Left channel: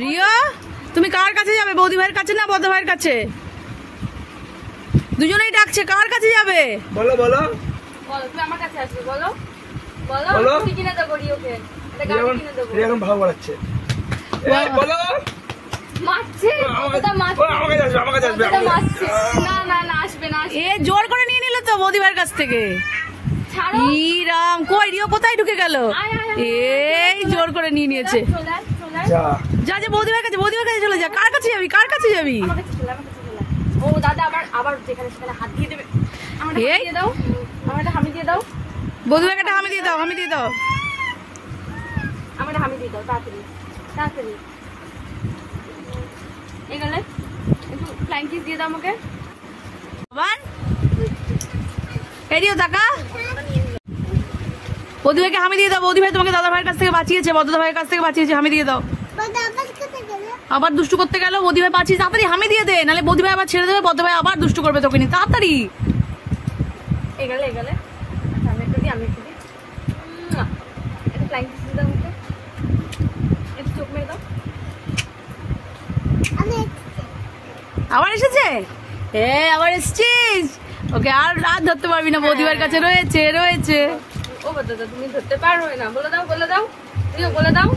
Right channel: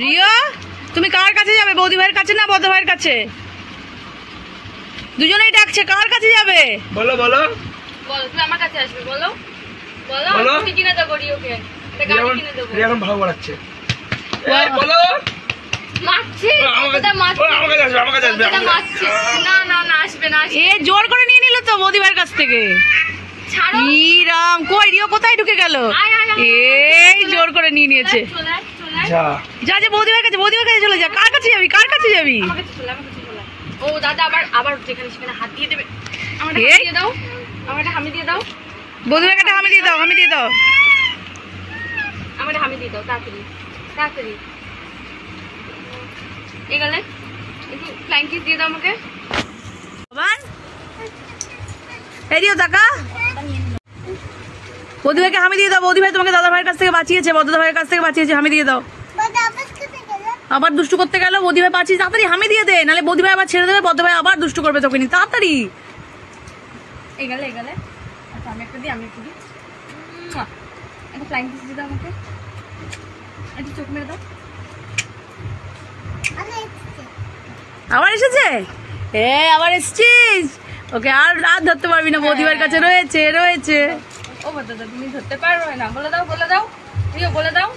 রিয়া তুমি কার কাছে যাবে? বৌদি ভাইয়ের কাছে না বড় ভাইয়ের কাছে? দুজনেই ডাকছে, কার কাছে যাবে? বলো বলো বলো, তুমি আমার কাছে আসবে। বলো বলো, কি কিনে দেবো রিওকে? এটা গাড়ি কিনে দেবো। রিয়া এখন ভালো বাড়াচ্ছে। এই বলো। মারছে, আমার কাছে আসবে, আমার কাছে আসবে। মারছে। না না না, আসবে না। এ জোর করে নিয়ে নিল তো বৌদি ভাইয়ের কাছ থেকে। ছাড়ো। ইরাম কই রিও কোথায় ঢুকে গেল? এই জোর করে নিয়ে নিয়েছে। চলে আয়, চলে আয়। যা যা যা বৌদি ভাইয়ের কাছে, বৌদি ভাইয়ের কাছে চলে যা। কার কাছে যাবি? কার কাছে যাবি? আমার কাছে চলে, আমার কাছে চলে। ও দাদা আবার যেখানে সেখানে হাত দিয়ে দেবে। আমাকে এই? হাত দিয়ে দাও, আমাকে হামি দিয়ে দাও। বৌদি ভাইকে একটা হামি দিয়ে দাও, হামি দিয়ে দাও। আমাকে হামি দিয়ে দাও, তাড়াতাড়ি তাড়াতাড়ি। এই গেলে একটু ফ্লাইং কিস দিয়ে দাও আমাকে। বাবান এরিও টাকা বৌদি ভাইকে হামি দিয়ে দাও। বৌদি ভাই তোমাকে দাদা ভাইয়ের কাছ থেকে বাঁচিয়েছে, বড়দা ভাইয়ের কাছ থেকে বাঁচিয়েছে। হামি দিয়ে দাও। আবার দুষ্টু করতে গেল। বৌদি ভাই বাঁচিয়ে তাড়াতাড়ি হামি দিয়ে দে, নাহলে বৌদি ভাই আবার ছেড়ে দেবে। বড়দা ভাই আবার দুষ্টু করবে তোকে নিয়ে। তাড়াতাড়ি এই গেলে আচ্ছা, আমি একটু দিই। একটা ফ্লাইং কিস দিয়ে দাও আমাকে। একটু চোখ মেরে দাও। আবার এসেছে। আবার এসছিস। ওকে আর রাত ধরতে পারবি না, বৌদি ভাইয়ের কাছে রয়েছে। ও দাদা, তুমি ধরতে পারবে না। বলে দাও রিও, বলে দাও।